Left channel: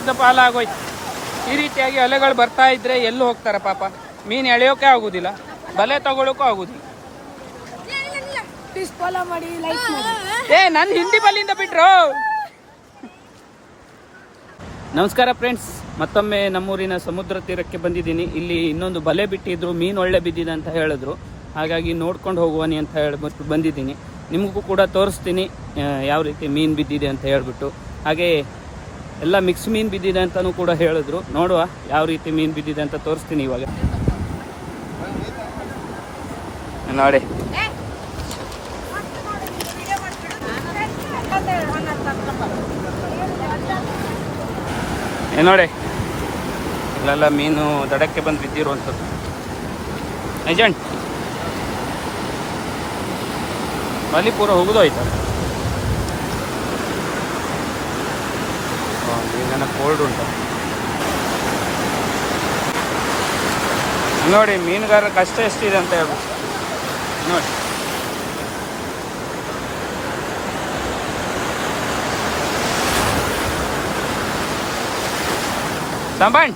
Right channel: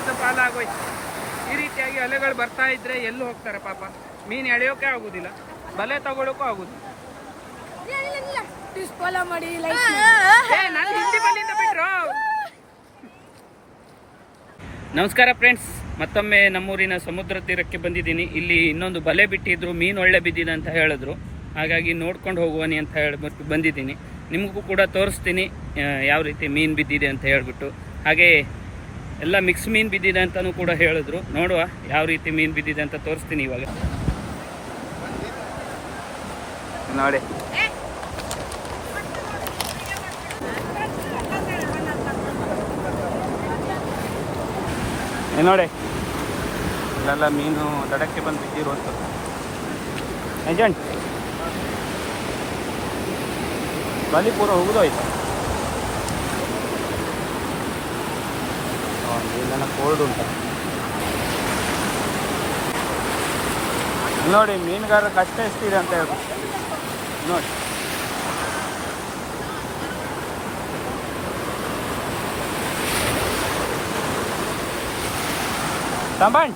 ಕಷ್ಟದ ಪಾಲಾಗೋಯ್ತು ಈ ರೀತಿಯಾಗಿ ಅಲೆಗಳು ಬರ್ತಾ ಇದ್ರೆ ಎಲ್ಲೂ ಹೋಗ್ತಾರೆ ಪಾಪ? ಮೀನು ಎಳೆಯೋಕೆ ಆಗುದಿಲ್ಲ. ಬಲೆ ತಗೊಳ್ಳೋಕ್ಕೂ ಆಗುದಿಲ್ಲ. ಪ್ಲೀಸ್ ಫಾಲೋ ಮಾಡಿ ಲೈಕ್ ಮಾಡಿ. ಏ ನಾನು ಹಿಂದಿ ಬಲ್ಲಿಂದ ಬಿಟ್ರು. ನಮಸ್ಕಾರ ಫ್ರೆಂಡ್ಸ್ ಮತ್ತೊಮ್ಮೆ ನಮ್ಮೂರಿನ ಸಮುದ್ರ ತೀರಕ್ಕೆ ಬಂದಿದ್ದೀನಿ. ಇಲ್ಲಿ ಇನ್ನೊಂದು ಬಲೆ ಬಿಟ್ಟಿದ್ರು. ಮೀನು ಒಳ್ಳೆ ಬಿದ್ದಿದೆ ಅಂತ ಹೇಳಿದ್ರು. ಹಾಗಾಗಿ ನೋಡ್ಕೊಂಡು ಹೋಗುವನಿ ಅಂತ ಹೇಳ್ಬಿಟ್ಟು ಬಂದಿದ್ದೀನಿ. ನಿಮಗೂ ಕೂಡ ತೋರಿಸ್ತೀನಿ ಯಾವ ರೀತಿ ಮೀನು ಬಿದ್ದಿದೆ ಅಂತ ಹೇಳ್ಬಿಟ್ಟು. ಹಾಗೆ ಎಲ್ಲ ಮಿಕ್ಸ್ ಮೀನು ಬಿದ್ದಿದೆ ಅಂತಲೂ ಕೂಡ ಹೇಳಿದ್ರು. ನೋಡುವ ಯಾವ ರೀತಿ ಮೀನು ಬಿದ್ದಿದೆ ಅಂತ ತೋರಿಸ್ತೀನಿ ಇವಾಗ. ನೋಡಿ. ನೋಡಿ. ಇಲ್ಲೆಲ್ಲ ಮೀನು ದಡಕ್ಕೆ ಬಂದು ಬಿದ್ದಿರುವಂಥದ್ದು. ಏಜೆಂಟ್. ಬಲಿಪುರ ಹೋಗೋದು ಹೋಗುದೋಯ್ತ? ಮೀನೆಲ್ಲ ಕೋಲ್ಡ್ ಉಂಟ. ನೋಡಿ ಮೀನುಗಾರ ಕಷ್ಟ ಎಷ್ಟಿದೆ ಅಂತ ಹೇಳ್ಬಿಟ್ಟು. ನೋಡಿ. ತಂಬಣ್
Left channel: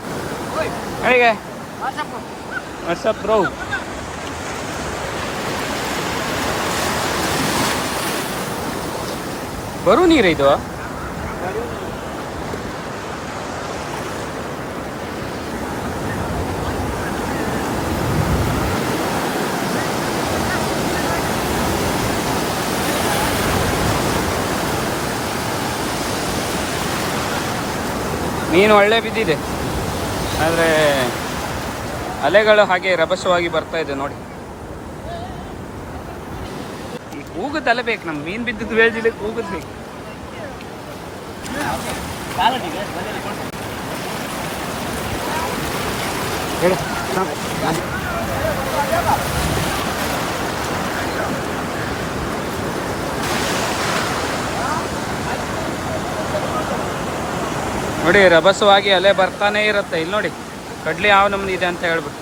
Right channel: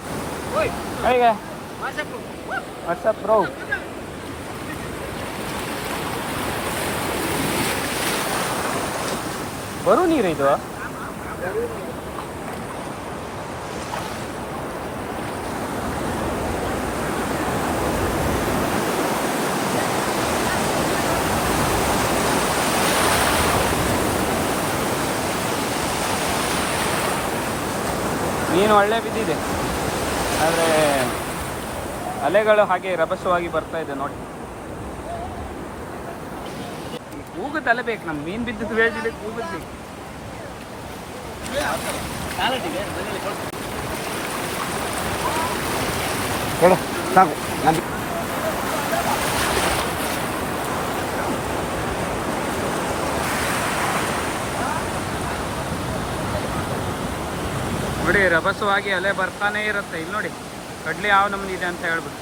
ಹೇಗೆ ವಾಟ್ಸಪ್ ಬ್ರೋ ಬರು ನೀರು ಇದು? ಮೀನು ಒಳ್ಳೆ ಬಿದ್ದಿದೆ. ಆದರೆ ಅಲೆಗಳು ಹಾಗೆ ರಭಸವಾಗಿ ಬರ್ತಾ ಇದೆ ನೋಡಿ. ಈ ಕೂಗದ ಅಲೆ ಬೇಕು ನಮ್ಮ ಮೀನು ಬಿದ್ದದ್ದು ವೇಜಿಲಿ ಕೂಗದ್ ಬೇಕು. ನೋಡಿ, ರಭಸವಾಗಿ ಅಲೆ ಬರ್ತಾನೆ ಇರುತ್ತೆ. ಇಲ್ಲಿ ನೋಡಿ, ಕಡ್ಲಿ ಯಾವ ಇದೆ ಅಂತ ಹೇಳ್ಬಿಟ್ಟು.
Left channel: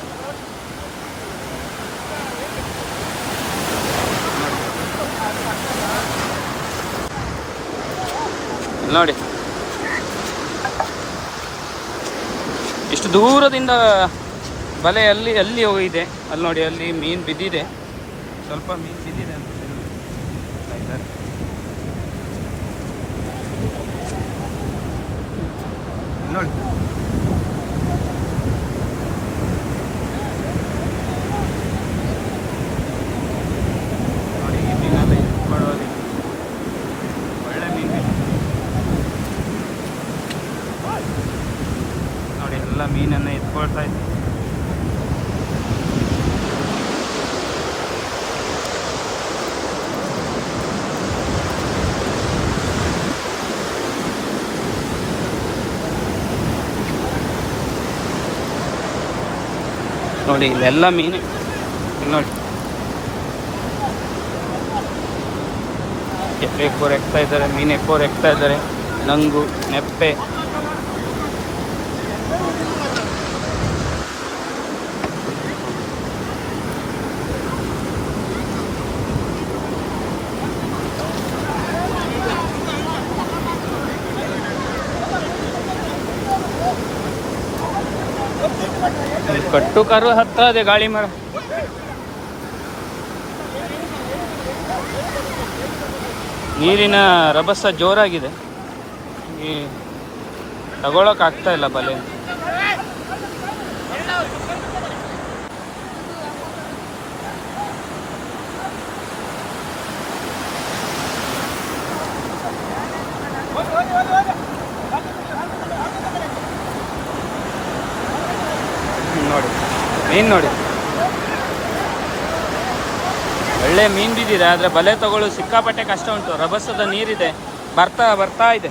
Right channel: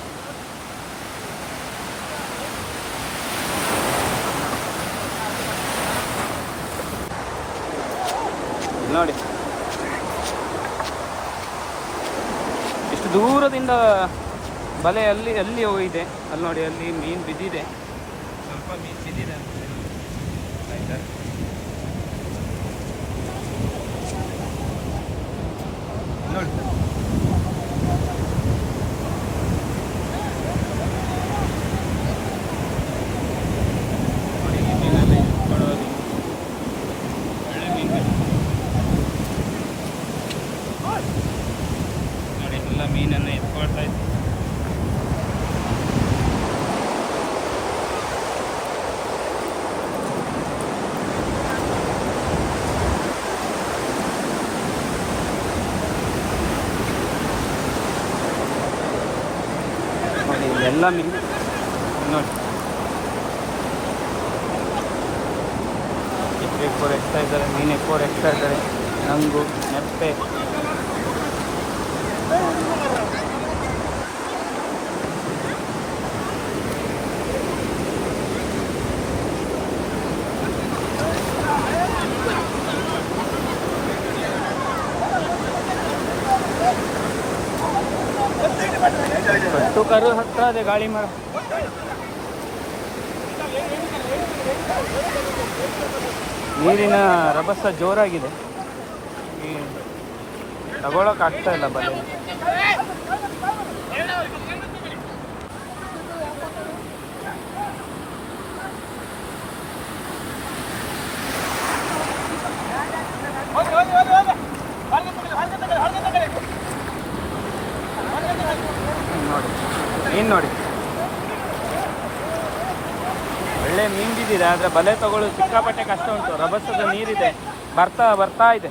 ನೋಡಿ. ಇಷ್ಟು ದೂರದಿಂದ ಬಲೆ ಅಲ್ಲಿ ಅಲ್ಲಿ ಹೋಗಿದೆ. ಅಲ್ಲಿ ನೋಡಿ, ಅಲ್ಲಿ ಮೀನು ಬಿದ್ದಿದೆ. ಸ್ವಲ್ಪ ಮೀನು ಬಿದ್ದಿದೆ ಅಂತ ಹೇಳ್ತಾ ಇದ್ದಾರೆ. ನೋಡಿ ನೋಡಿ ಈ ಮೀನೆಲ್ಲ ಎತ್ಕೊಳ್ಳೋದು ಒಳ್ಳೆ ಮೀನು ನೋಡಿ ಎಲ್ಲ ಮೀನನ್ನು ಎತ್ಕೊಳ್ತಾ ಇದ್ದೆ ನೋಡಿ ಇಲ್ಲೆಲ್ಲ ಮೀನು. ನೋಡಿ. ಎಪ್ಪೆ ಎಕ್ಕೋರ್ ಎಕ್ತಾ ಇದ್ದಾರೆ ಮೀನು ಎಕ್ಕೋರ್ ಎಕ್ತಾ ಇದ್ದಾರೆ. ನಂಗು ನೆಪ್ಪೆ. ಕಟ್ಟು ಕರು ಹತ್ತದೆ ಗಾಳಿ ಮರ. ನೀರಿನ ರಭಸ ಜೋರಾಗಿದೆ. ಈ ತಗೊಳಕ್ ಇಲ್ಲ ಬಲೆ ಹ್ಮ್, ನೋಡಿ ಮೀನು ನೋಡಿ. ಒಳ್ಳೆ ಮೀನು ಬಿದ್ದಿದೆ, ಆದರೆ ಬಲೆ ತಗೊಳ್ಳೋ ಸಿಕ್ಕಾಪಟ್ಟೆ ಕಷ್ಟ ಉಂಟು. ರಭಸದ ನೀರಿದೆ. ಬರ್ತಾ ಬರ್ತಾ ಇದೆ.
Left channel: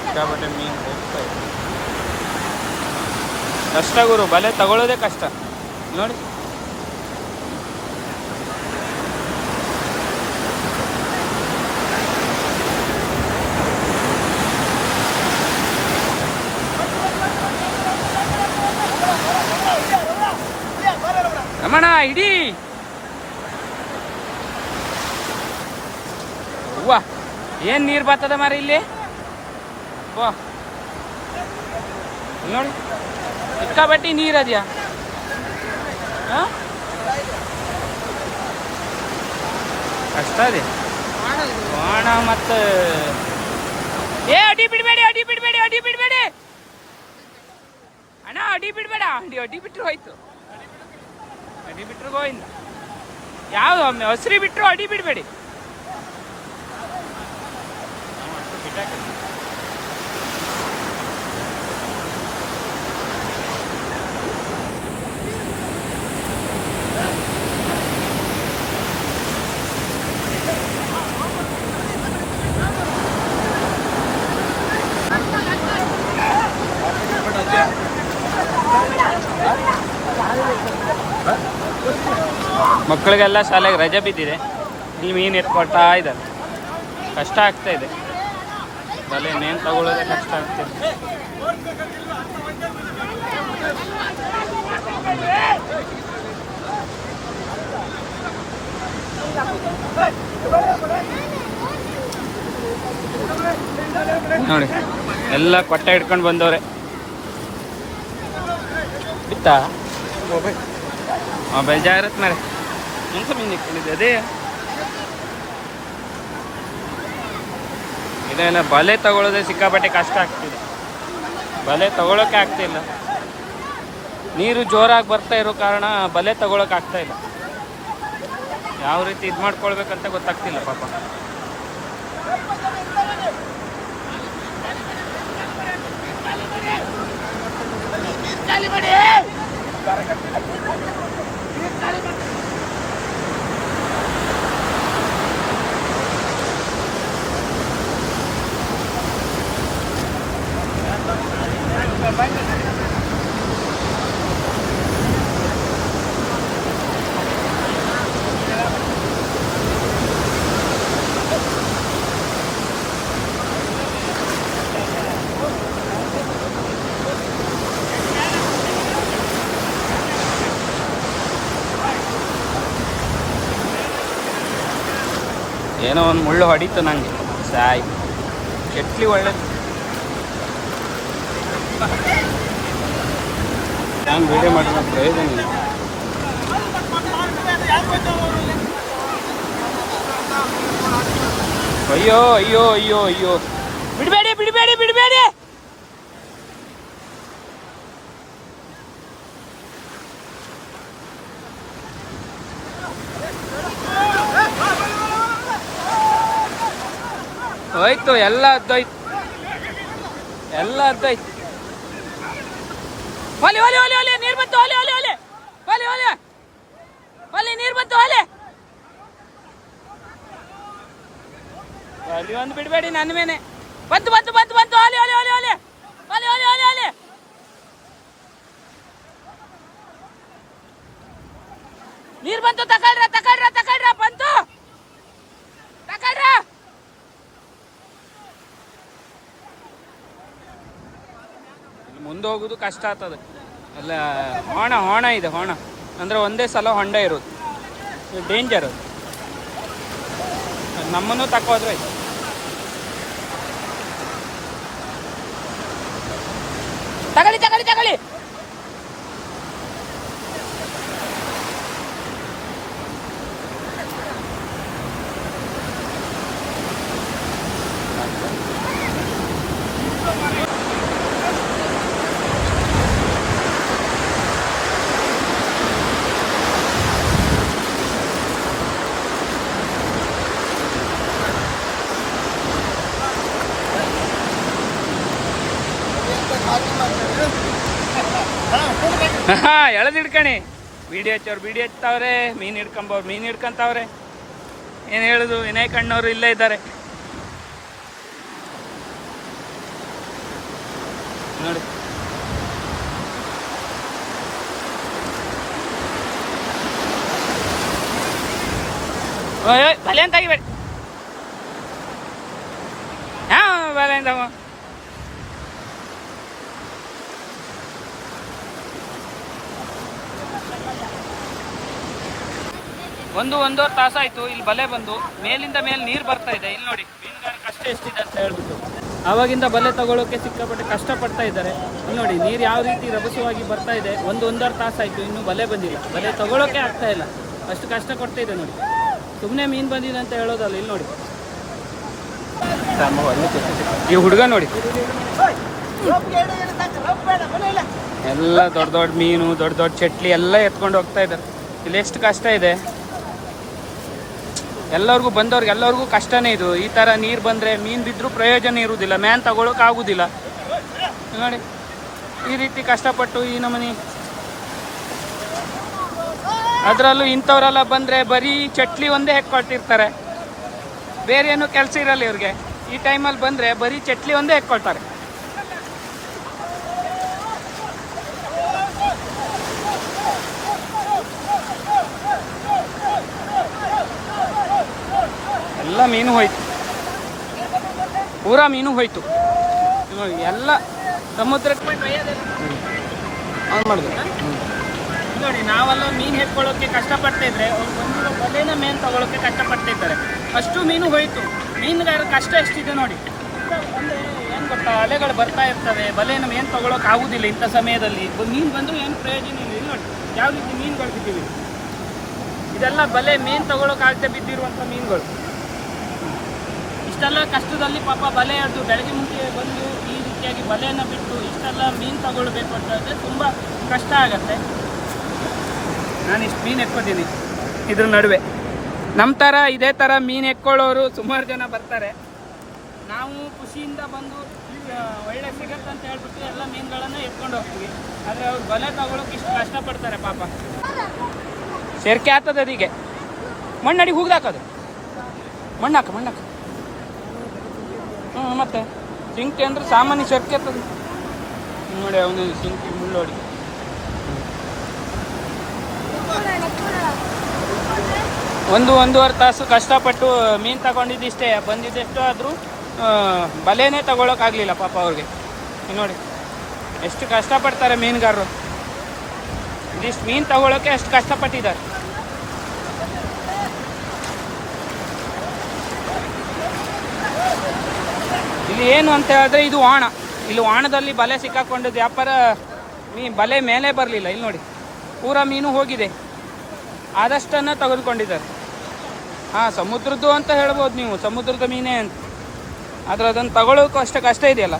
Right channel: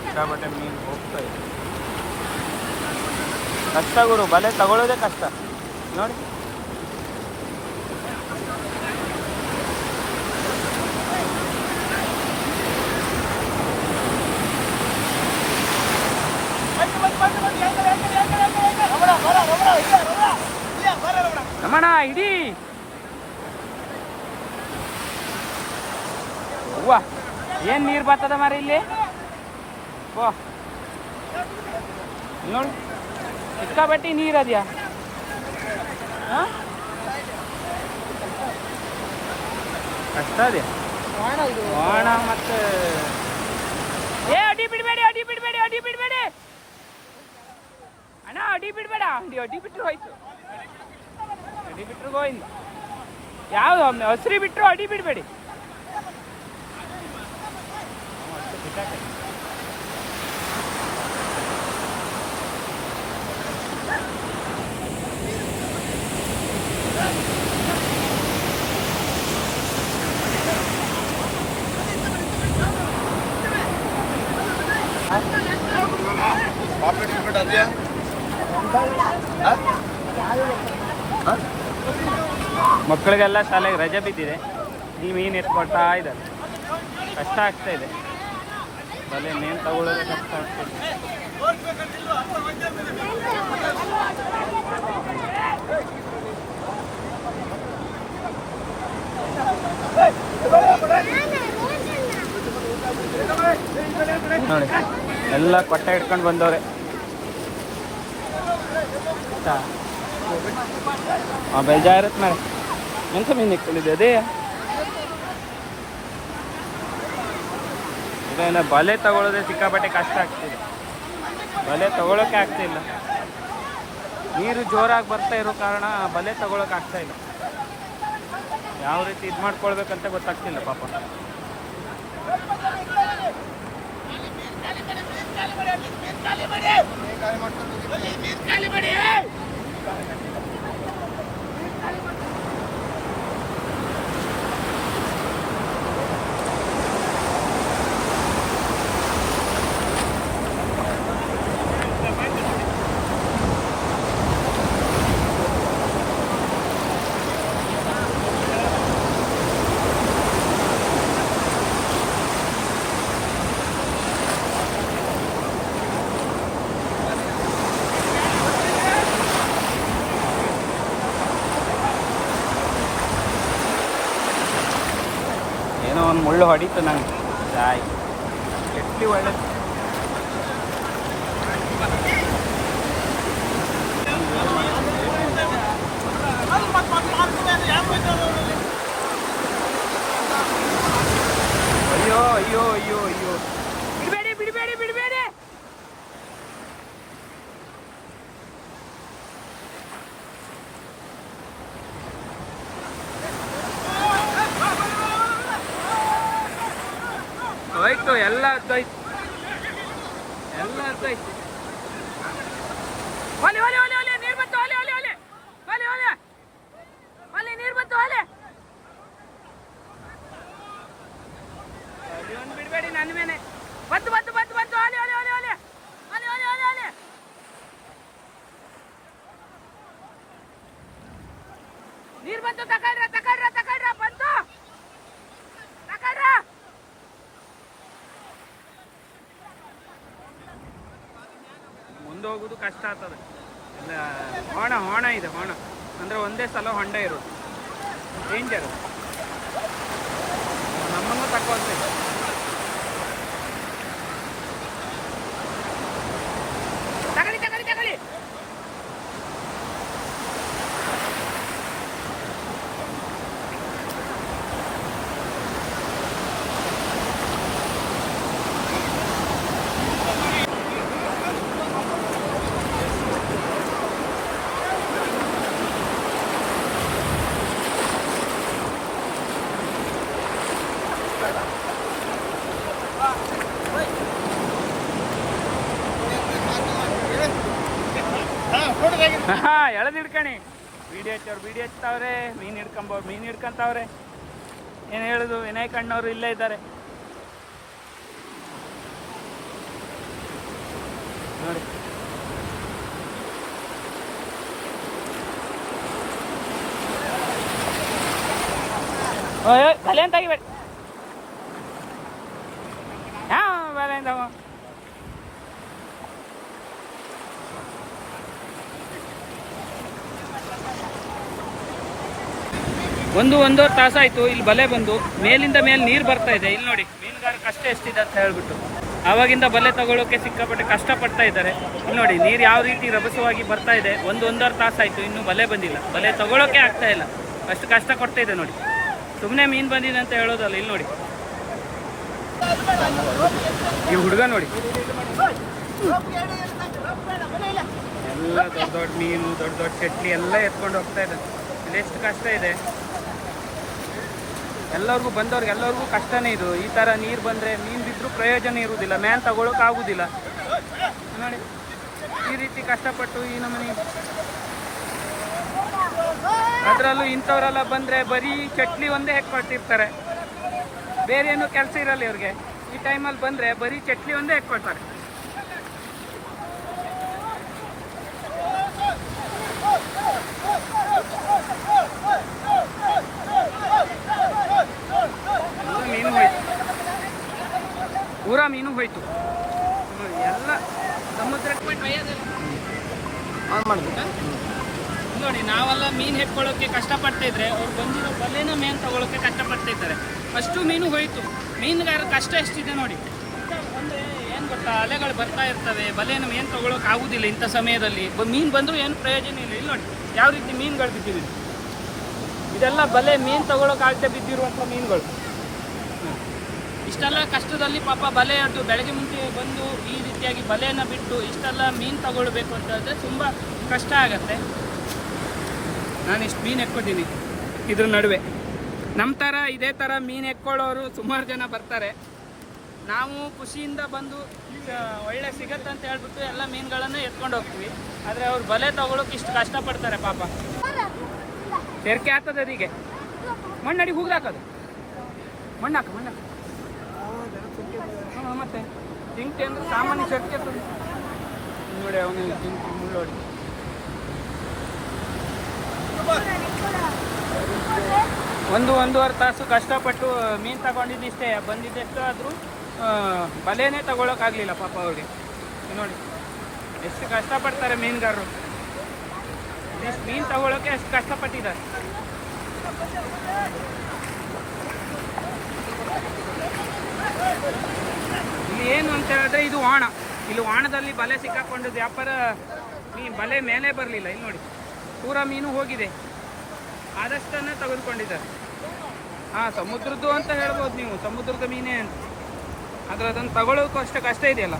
ಸಿಕ್ಕಾಪಟ್ಟೆ ಮೀನು ಹೋಗ್ತಾ ಇದೆ. ಕಷ್ಟ ಗುರು, ಬಲೆ ತಗೊಳ್ಳೋದೇ ಕಷ್ಟ. ನೋಡಿ. ರಮಣ ಇಡೀ. ಅವ್ವ, ಏನ್ ನೀರ್ ಬರ್ತದ ಮಾರಿ ಇಲ್ಲಿ? ನೋಡಿ ಸಿಕ್ಕಾಪಟ್ಟಿ ನೀರ್ ಅದ್ಯಾ? ಅಷ್ಟ ಅದೇ. ಬಾಣ ಮತ್ತೆ ಏ ಅಡಿ ಬಿಡಬೇಡಿ ಅಡಿ ಬಿಡಬೇಡಿ ಅಡಿ ಬಿಡಬೇಡಿ. ಅಣ್ಣ ಅಡಿ ಬಿಡಬೇಡ ಅಡಿ ಅಡಿ ಬಿಟ್ರು ಹೋಯ್ತು. ಅಡಿ ಬಿಟ್ಟರು ಗೋವಿಂದ. ಯಾವ್ದು ಒಮ್ಮೆ ಹಸ್ರಿ ಬಿಟ್ರು ಅಡಿ ಬಿಡಬೇಡಿ. ಅಷ್ಟು ಬಿಟ್ಟಾಕತ್ತ ಮಕ್ಕಳಿಗೆಲ್ಲ ಶಾಲೆಗೆ ರಜೆ ಬಿದ್ದಿದೆ. ಇಲ್ಲಿ ಮೀನು ಎತ್ಕೊಳ್ತಾ ಇದ್ದಾರೆ. ಕಷ್ಟ ಆಗ್ತಾ ಇದೆ. ಬಲೆ ಮೇನ್ ತಗೊಳ್ಳೋದೇ ಕಷ್ಟ ಆಗ್ತಿದೆ ನೋಡಿ, ಎಲ್ಲ ಕೊಟ್ಟೆ ಇಟ್ಕೊಂಡು ಬಂದವ್ರೆ. ಇತ್ತಾ? ಬೇಜಾರತ್ ಮಾರೆ ಎಂತ ಮೀನು ಇಟ್ಕೊಂಡಿದ್ದೆ ಅದೇ ಇದೆಲ್ಲ ಬಲೆ ತಗೊಳ್ಳೋದೆ ಸಿಕ್ಕಾಪಟ್ಟೆ ಕಷ್ಟ ಆಗ್ತಿದೆ. ಬಲೆ ತಗೊಳ್ಳೋಕೆ ಆಗ್ತಿಲ್ಲ ನೀರು ಜೋರಾಗಿ ಬರ್ತಾ ಇರೋ ಕಾರಣ ಬಲೆ ತಗೊಳ್ಳೋಕೆ ಆಗ್ತಾ ಇಲ್ಲ. ಯಾವ ರೀತಿ ಇದು ಮಾಡ್ಕೊಳ್ಬೇಕಂತ ಗೊತ್ತಾಗ್ತಿಲ್ಲ, ಪಾಪ. ಏನೋ ಒಂದು ಮುಳ್ಳು ಹೊಡಿತು ನಂಗೆ. ಸಾಯ್. ಕೆಟ್ಲಿ ಇಲ್ಲ ಅಯ್ಯೋ ಅಯ್ಯೋ ಅಯ್ಯೋ ಅಯ್ಯೋ. ಬಿಡಬೇಡಿ ಬಿಡಬೇಡಿ ಬಿಡಬೇಡಿ ಹೋಯ್ತು ಎಲ್ಲ ಅದ್ದೋಯ್ತು. ಎಲ್ಲ ಅದ್ದೋಯ್ತು. ಒಲೆ ಒಲೆ ಒಲೆ ಒಲೆ, ನೀರು ಬಂತು, ಒಲೆ ಒಲೆ ಒಲೆ. ಒಲೆ ಒಲೆ. ಒಲೆ, ನೀರು ಬಂತು, ಒಲೆ. ಒಲೆ ಒಂದು ಬಿಡಬೇಡಿ ನನ್ನ ಮೇಲೆ. ಬಂತು ಬಂತು ಬಂತು ಬಂತು. ಒಲೆ ಒಲೆ ಒಲೆ ಒಲೆ. ಒಲೆ ಒಲೆ ಒಲೆ ಒಲೆ. ನೀರು ಬಂತು ತಕೊಳ್ರ ತಕೊಳ್ರ ಮುಂದೆ ಹೋಗೋದು ಕಷ್ಟ ಆಗ್ತದೆ. ಅಲ್ಲ, ಹೋಣ ಹೋಣ ಇದೆ, ಹೋಣ. ಅಂದರೆ ಒಂದೇ ಸಲ ಹೊಂಡ ಇರೋದು. ಡೇಂಜರ್ ಅದು. ನಮ್ಮನ್ನು ತಕ್ಕೋದ್ರೆ ಇದೆ ತಗೊಳ್ಳಿ ತಗೊಳ್ಳಿ. ಹಾ, ಎಳೆದು ಹಿಡ್ಕಣಿ. ವಿಡಿಯೋ ಹಚ್ಚೋರು ವಿಡಿಯೋ ಹಚ್ತಾವ್ರೆ ಮೀನು ಹಿಡ್ಕೊಂಬವ್ರು ಮೀನು ಹಿಡ್ಕೊಂತಾವ್ರೆ. ಏನು ಹೇಳುದು, ವಿನಯ್ ಕಣ್ಣವರು ಇಲ್ಲೇ ಇದ್ದಾರೆ. ನೋಡಿ. ಬಲೆ ಅಂತ ಆಗಿಬೇಡಿ. ಹಾ, ಬಲೆ ಅಂತ ಒಂದು ಒಂದೂವರೆ ತಾಸಾಯ್ತು ಇಲ್ಲಿ ಬಲೆ ಬಂದು, ಮೇಲಿಂದ ಮೇಲೆ ನೀರು ಬರ್ತಾ ಇದೆ. ಇಲ್ಲಿ ನೋಡಿ ಮೀನುಗಾರ ಕಷ್ಟ ಎಷ್ಟಿದೆ ಅಂತ ಹೇಳ್ಬಿಟ್ಟು. ಆವಾಗಿಂದ ಬಲೆ ತಗೊಳ್ಳೋಕೆ ಸಿಕ್ಕಾಪಟ್ಟೆ ಕಷ್ಟಪಡ್ತಾ ಇದ್ದಾರೆ. ಇಲ್ಲಿ ನೋಡಿ, ನೀರು ಯಾವ ರೀತಿ ರಭಸವಾಗಿ ಬರ್ತಾ ಇದೆ. ಒಂದು ಒಂದೂವರೆ ತಾಸಾಯ್ತು ಇನ್ನೂ ಬಲೆ ಬಂದಿಲ್ಲ. ಬಲೆ ತಗೊಳ್ಳೋಕೆ ಆಗ್ತಾ ಇಲ್ಲ. ಅಷ್ಟು ಕಷ್ಟ ಕೊಡ್ತಾ ಇದೆ ನೋಡಿ. ಸುಮ್ಮನೆ ಮೀನು ಬಂದಿದೆ ಅಂತ ಹೇಳೋದಲ್ಲ, ಇಲ್ಲಿ ನೋಡಿ. ಈ ಹುಡುಗ ನೋಡಿ. ಎಲ್ಲ ದೊಡ್ಡ ದೊಡ್ಡ ಮೀನು, ದೊಡ್ಡ ದೊಡ್ಡ ಚಟ್ಲಿ ಎಲ್ಲ ಎತ್ಕೊಂಡು ಹೋಗ್ತಾ ಇದ್ದಾರೆ. ಇಲ್ಲಿ ಎಷ್ಟು ಕಷ್ಟ ಇದೆ. ಎಲ್ಲರಿಗೂ ಬಂದವ್ರಿಗೆ ಎಲ್ಲರಿಗೂ ಕಷ್ಟನೇ ಇದು. ಈ ಥರ ನೀರು ಬಂದರೆ ಮೀನು ಬಿದ್ದರೂ ಪ್ರಯೋಜನ ಇರುವುದಿಲ್ಲ. ಮ್ಯಾನ್ ತಗೊಳಕ್ ಆಗುದಿಲ್ಲ ನೋಡಿ, ಈ ರೀತಿ ಕಷ್ಟಪಟ್ಟು ಈ ನಮನಿ. ಅದರಲ್ಲೂ ಇಂಥವರೆಲ್ಲ ಬಂದರೆ ಬರೀ ಚಟ್ಲಿ ಒಂದೇ ಹೆಕ್ಕೊಳ್ತಿರ್ತಾರೆ ಬೇರೆ ಏನು ಕೆಲಸ ಇರಲ್ಲ ಇವ್ರಿಗೆ. ಈ ಟೈಮಲ್ಲಿ ಬಂದರೆ ಬರೀ ಚಟ್ಲಿ ಒಂದೇ ಹೆಕ್ಕೊಳ್ತಾರೆ. ಮೀನು ಹೋಯ್ತು. ಪೂರಾ ಮೀನು ಹೋಯ್ತು. ನೋಡಿ ಎಲ್ಲ ಸಮುದ್ರಕ್ಕೆ ಆನ್ ಮಾಡಿದೆ. ನೋಡಿ ನಾವೆಲ್ಲ ಮೀನು ಹೆಕ್ಕೊಳ್ಳೋಕೆ ಕಷ್ಟಪಡ್ತಾ ಇದ್ರೆ ಅವ್ರು ಬಂದಿರೋ ಬಲೆನ ಮೇನ್ ತಗೊಳ್ಳೋಕೆ ಕಷ್ಟಪಡ್ತಾ ಇದ್ದಾರೆ. ಅಷ್ಟು ಮೀನು ಹೋಯ್ತು. ಮೀನುಗಾರ ಕಷ್ಟ ಎಷ್ಟಿದೆ ನೋಡಿ. ಅಂದ್ರೆ ಏನು ಗೊತ್ತಾ ಅಲೆಗಳು ಬರ್ತಾ ಇರ್ತವೆ. ಬಲೆನ ಮೇನ್ ತಗೊಳಕ್ ಆಗುದಿಲ್ಲ ಇಂಥ ಸಮಯದಲ್ಲಿ. ಮೀನ್ ಬಂದರೂ ಏನು ಪ್ರಯೋಜನ ಇಲ್ಲ. ಇಲ್ಲಿ ನೋಡಿ ಯಾವ ರೀತಿ ಮೀನುಗಳು ಬಿದ್ದಿವೆ. ಇದೆಲ್ಲ ಬಲೆ ಮೇನ್ ತಗೊಳಕ್ ಆಗದೆ ಬಿದ್ದಿರುವಂಥ ಮೀನುಗಳು. ಇಷ್ಟೆಲ್ಲ ಕಷ್ಟದಲ್ಲಿ ಪಾಪ ಬಲೆ ಹಿಡ್ದು ಬೆಳಗ್ಗೆ ಮುಂಚೆ ಬಂದು ಈ ರೀತಿಯಾಗಿ ಬಲೆಯನ್ನು ಬಿಟ್ಟು ಇಷ್ಟೆಲ್ಲ ಮೀನು ತಗೊಳ್ಬೇಕು ಅಂತ ಹೇಳಿದ್ರೆ ತುಂಬ ಕಷ್ಟ ಆಗತ್ತೆ. ನಾನು ಇಷ್ಟು ಮೀನು ಎಕ್ಕೋತೀನಿ ಇದ್ರ ನಡುವೆ. ನಮ್ಮ ಥರ ಇದೇ ಥರ ಮೀನು ಎಕ್ಕೊಳ್ಳೋರು ಸುಮಾರು ಜನ ಬರ್ತಾರೆ. ನಾವು ಖುಷಿಯಿಂದ ಬಂದು ಒಳ್ಳೆ ಸಿಗತ್ತೆ ಅಂತ ಹೇಳ್ಬಿಟ್ಟು ಎಲ್ಲ ಮೀನುಗಳನ್ನು ಎತ್ಕೊಂಡು ಹೋಗ್ತೀವಿ. ಆದರೆ ಅವ್ರು ಬಲೆ ತಗೊಳ್ಳೋಕೆ ಇಷ್ಟು ಕಷ್ಟಪಡ್ತಾರೆ ಪಾಪ. ಸೇರ್ಕೆ ಆಗ್ತದೆ ಅದೀಗೆ. ಮಣ್ಣಡಿ ಹೂಗ್ದಾಕೋದು ಮಣ್ಣಾಕ ಮಣ್ಣಾಕ ಹ್ಞೂ ಮತ್ತೆ ಸಿಂಕಿ ಅಂದ್ರೆ ಸಾಮಾನ್ಯ ಶರ್ಕೆ ನೋಡಿ ಅವನು ಸಿಂಕಿ ಮುಳ್ಳೋಡಿ ಒಂದು ಒಂದೂವರೆ ತಾಸು ಕಷ್ಟಪಟ್ಟು ಮೀನು ತಗೊಂಡಿದ್ದಿಷ್ಟೇ ಬಂದಿದ್ದೆಷ್ಟು ಆದರೂ ಬಲೆನೇ ತಗೊಳಕ್ಕಾಗಲಿಲ್ಲ ಪಾಪ ಅವ್ರಿಗೆ. ನೋಡಿ ಎಷ್ಟು ಕಷ್ಟಪಡ್ತಾರೆ ಮೀನುಗಾರರು. ಇದಿಷ್ಟು ಮೀನು ತಗೊಳ್ಳೋಕೆ ಅಷ್ಟು ಕಷ್ಟಪಟ್ಟಿದ್ದಾರೆ. ಇಲ್ಲಿ ಏನು ಅಂತ ಹೇಳಿದ್ರೆ ಇದು ವಾಣ ಇಲ್ಲಿ ವಾಣದಲ್ಲಿ ಬಲೆ ಸಿಕ್ಕಾಕೊಂಡಿದ್ದು ವ್ಯಾಪಾರ, ಮೀ, ಬಲೆ ಮೇಲೆ ಬರಲಿಲ್ಲ. ಇಲ್ಲಿ ನೋಡಿ, ಪೂರ ಮೀನು ಹೋಗಿದೆ. ಆದಷ್ಟನ್ನು ತೆಗೆದುಕೊಂಡಿದ್ದಾರೆ. ಹಾಂ, ಸಮುದ್ರದ್ದು ಅಂತ ಹೇಳ್ಬೋದು ನೀವು. ಸಮುದ್ರದ ಮೀನೇ ಅಂತ. ಆದರೆ ಅದನ್ನು ತಗೊಳ್ಳೋಕ್ಕೂ ಅಷ್ಟೇ ಕಷ್ಟ ಇದೆಯಲ್ಲ?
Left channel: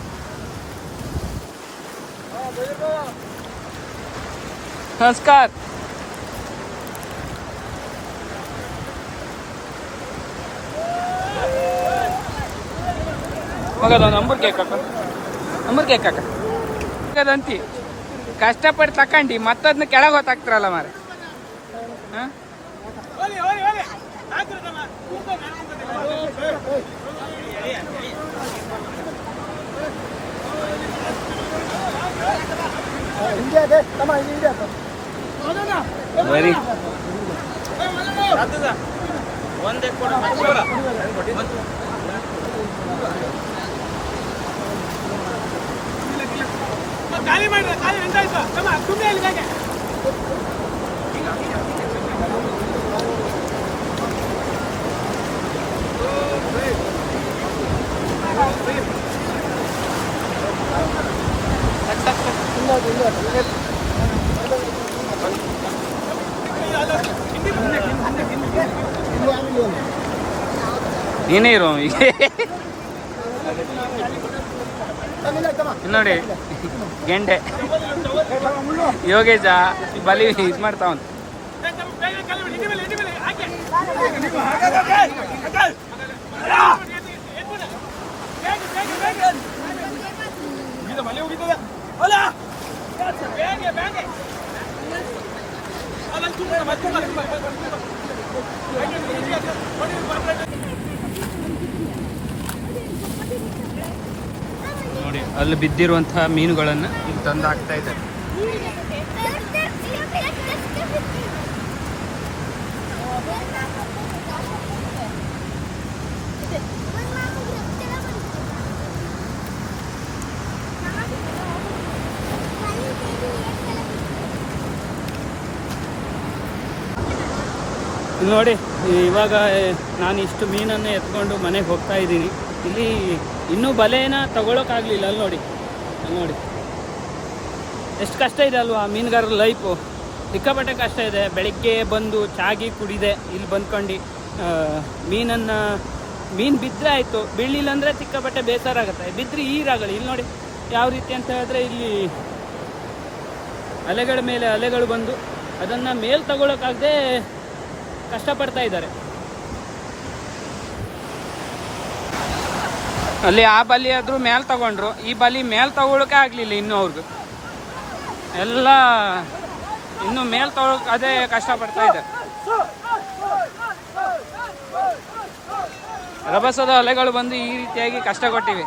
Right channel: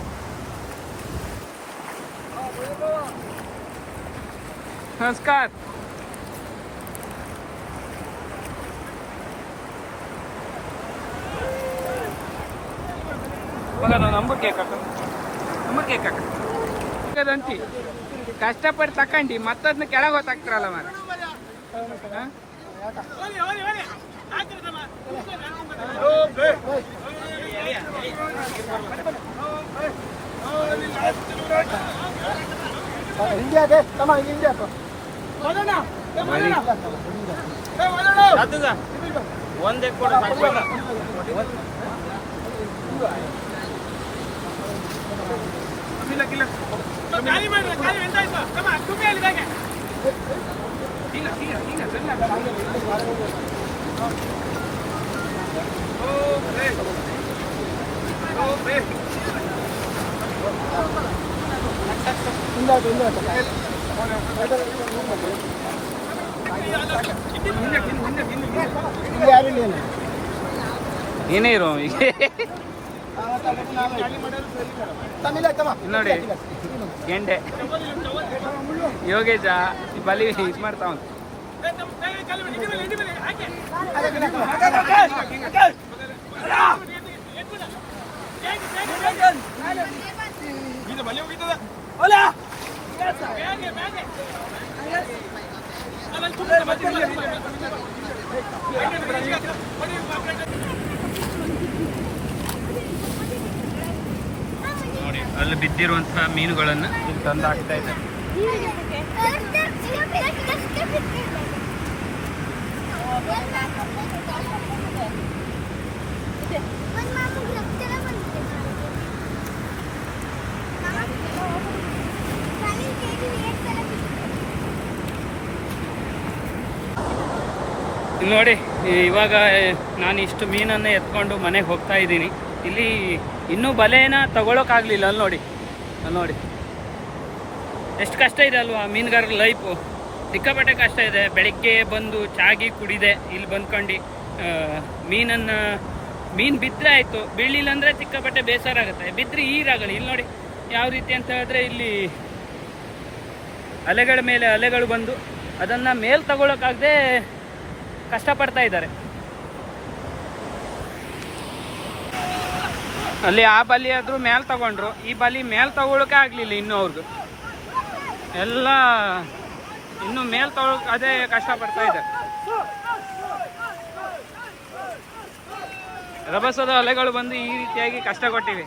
ನಮಸ್ಕಾರ. ಮಗದ ನಂಬರ್ ಹಾಕ. ನಂಬರ್ ಹಾಕ. ಅದಂತಿ ಕಷ್ಟಪಟ್ಟು ತಕೊಂಡಿ ಮತ್ತದನ್ನ ಕೆಳಗೆ ಹೊತ್ತಾಕ್ತಿರಲ್ಲ ಮಾರ ಹಾಂ? ಹಿಂದೆ ಅದೇ ತಮ್ಮ ಇಲ್ಲಿ ಹಿಂದೆ ಹಾಕು. ಬರೀ ಇಲ್ಲಿ ಇಲ್ಲ ಇಲ್ಲಿ. ನೀನೇ ಇರೋ ಈಗ ತಮ್ಮ ಇಲ್ಲ ತಮ್ಮ. ನೋಡಿ ಗೆಂಡೆ. ಯೋಗೇಶ ಬಲಿ ಇದು ಮಾಡ್ತಾವಂತ ನೋಡಿ ಅಲ್ಲಿ ಬಿದ್ದಿರುವಂತಹ ಮೀನುಗಳನ್ನು ಇಲ್ಲಿ ತಂದು ಹಾಕ್ತಾ ಇದ್ದಾರೆ ನೋಡಿ ಇವಾಗ ನಾನು ಇಷ್ಟು ಮೀನನ್ನು ಎತ್ಕೊಂಡು ಮನೆಗೆ ಹೋಗ್ತಾ ಇದ್ದೀನಿ. ಇಲ್ಲಿ ಇನ್ನೂ ಬಲೆನ ತಗೊಳಕ್ಕಾಗಲಿಲ್ಲ. ಅಲ್ಲಿ ನೋಡಿ. ಅಲ್ಲಿ ನೋಡಿ. ಎಷ್ಟು ಕಷ್ಟ ಇದೆ ಅಲ್ವಾ, ಮೀನುಗಾರರ ಲೈಫು ಸಿಕ್ಕಾಪಟ್ಟೆ ಕಷ್ಟ ಇದೆ. ಬೆಳಗ್ಗೆ ಬಂದು ಚಾಗಿ ಕುಡಿದೆ. ಇಲ್ಲಿ ಬಂದ್ಕೊಂಡು ಮೀನನ್ನು, ಮೀನು ಬಿದ್ದರೆ ಆಯಿತು. ಬೀಳಿಲ್ಲ ಅಂದರೆ ಸಿಕ್ಕಾಪಟ್ಟೆ ಬೇಸರ ಆಗುತ್ತೆ ಬಿದ್ದರೆ ಈರಾಗಲಿ. ಇಲ್ಲಿ ನೋಡಿ, ಯಾವ ರೀತಿ ಅಂತ ಹೇಳಿದ್ರೆ ಇಲ್ಲಿ ಅಲೆಗಳ ಮೇಲೆ ಅಲೆಗಳು ಬಂದು ಅದನ್ನು ಮೇಲೆ ತಗೊಳಕ್ಕಾಗದೆ ಕಷ್ಟಪಡ್ತಾ ಇದ್ದಾರೆ. ಅಲ್ಲಿ ಆ ಬಲಿ ಆದರೂ ಮೇಲ್ ತಗೊಂಡ್ರು. ಈ ಬಲಿ ಮೇಲ್ ತಗೊಳಕ್ಕೆ ಆಗಲಿಲ್ಲ ಇನ್ನು ಅವ್ರಿಗೆ ಎಲ್ಲ ಇನ್ನು ಮೇಲ್ ತಗೊಳಕ್ ಅದೇ ಕಷ್ಟಪಡ್ತಾ ಇದೆ ರಭಸದ ಅಲೆಗಳು ಬಂದು ಈ ರೀತಿಯಾಗಿ ಕಷ್ಟ ಕೊಟ್ಟಿವೆ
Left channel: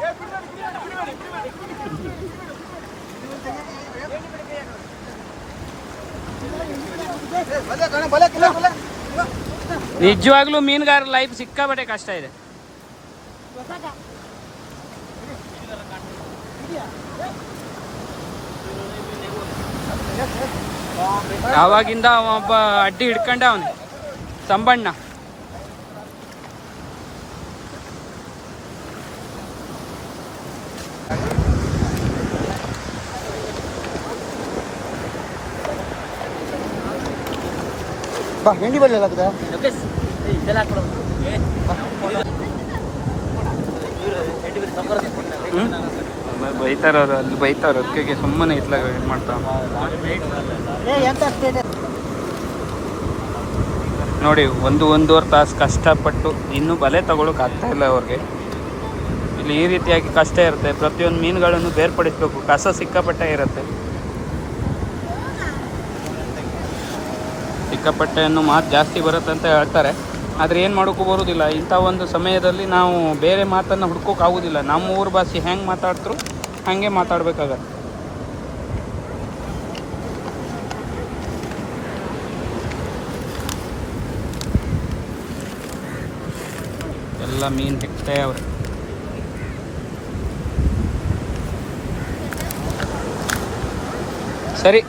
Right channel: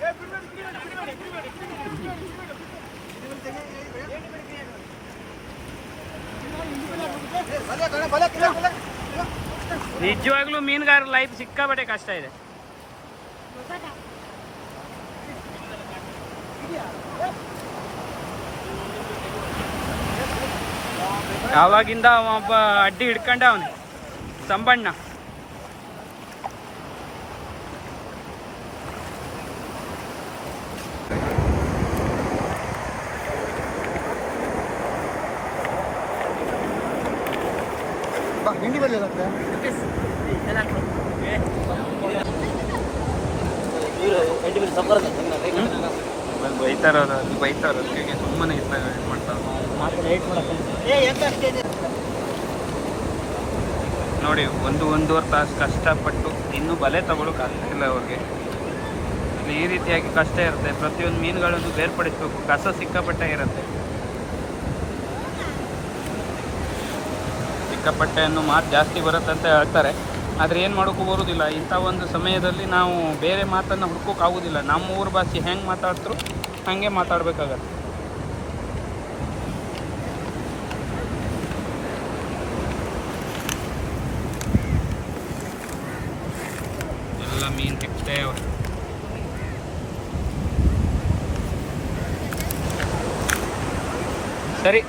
ನಿಜವಾಗ್ಲೂ ಮೀನುಗಾರ ಲೈಫ್ ಸಿಕ್ಕಾಬಟ್ಟೆ ಕಷ್ಟ ಇದೆ. ಆವಾಗಿಂದ ಒಬ್ಬ ಅಡ್ಡಿ ಹಿಡ್ಕೊಂಡ ಅವನು. ಸಂಬಣ್ಣ. ಬಾ ಹಿಂಡಿ ಬರಲಿಲ್ಲ ಆಮೇಲೆ ಬೈತಾರ ಅವ್ರು ಅಲ್ಲಿ ಬೈತಾರ ಅದಕ್ಕೆ ಸುಮ್ಮನೆ ಇತ್ಲಾಗ ಏನು ಮಾಡ್ತಾವ ನೋಡಿ ಒಂದು ಒಂದೂವರೆ ತಾಸು ಕಷ್ಟಪಟ್ಟು ಇನ್ನೂ ಬಲೆ ತಗೊಳಕ್ ಆಗ್ತಾ ಇಲ್ಲ ಅವ್ರಿಗೆ. ಇಲ್ಲಿ ಈ ರೀತಿಯಾಗಿ ಕಷ್ಟ ಇರುತ್ತೆ. ಪ್ರತಿಯೊಂದು ಮೀನುಗಳನ್ನು ಬೇರ್ಪಡಿಸ್ಬೇಕು. ಕಸ ಸಿಕ್ಕಾಪಟ್ಟೆ ಇರುತ್ತೆ. ಸಿಕ್ಕಾಪಟ್ಟೆಯನ್ನು ಮಾತು ಜಾಸ್ತಿ ಬರುತ್ತೆ ಅಂತ ಹೇಳ್ತಾರೆ. ಆದರೆ ಏನು ಮಾಡೋಕ್ಕೂ ಬರೋದಿಲ್ಲ. ಇಂಥ ಒಂದು ಸಮಯದಲ್ಲಿ ನಾವು ಬೇರೆ ಮಾತನ್ನು ಹುಡ್ಕೋಕ್ಕಾಗೋದಿಲ್ಲ ನಮ್ಮ ಊರ ಭಾಷೆ ಹೆಂಗೆ ಮಾತಾಡ್ತರು ಹಾಗೆ ಮಾತಾಡಬೇಕಾಗತ್ತೆ. ಎಲ್ಲ ಮೀನು ಹೆಕ್ತೇ ಅವ್ರೆ. ಸರಿ.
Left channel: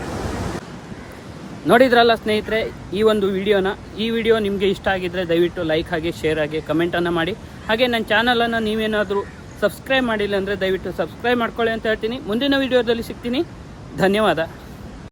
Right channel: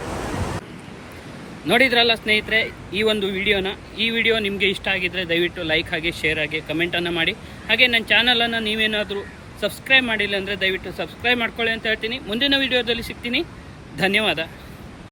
ನೋಡಿದ್ರಲ್ಲ ಸ್ನೇಹಿತರೆ, ಈ ಒಂದು ವಿಡಿಯೋನ. ಈ ವಿಡಿಯೋ ನಿಮಗೆ ಇಷ್ಟ ಆಗಿದ್ರೆ ದಯವಿಟ್ಟು ಲೈಕ್ ಆಗಿ ಶೇರ್ ಆಗಿ ಕಮೆಂಟನ್ನು ಮಾಡಿ. ಹಾಗೆ ನನ್ನ ಚಾನಲನ್ನು ನೀವೇನಾದರೂ ಸಬ್ಸ್ಕ್ರೈಬ್ ಮಾಡಿಲ್ಲ ಅಂದರೆ ದಯವಿಟ್ಟು ಸಬ್ಸ್ಕ್ರೈಬ್ ಮಾಡ್ಕೊಳ್ಳಿ ಅಂತ ಹೇಳ್ತೀನಿ. ಮುಂದಿನ ವಿಡಿಯೋದಲ್ಲಿ ಸಿಗ್ತೀನಿ. ಧನ್ಯವಾದ.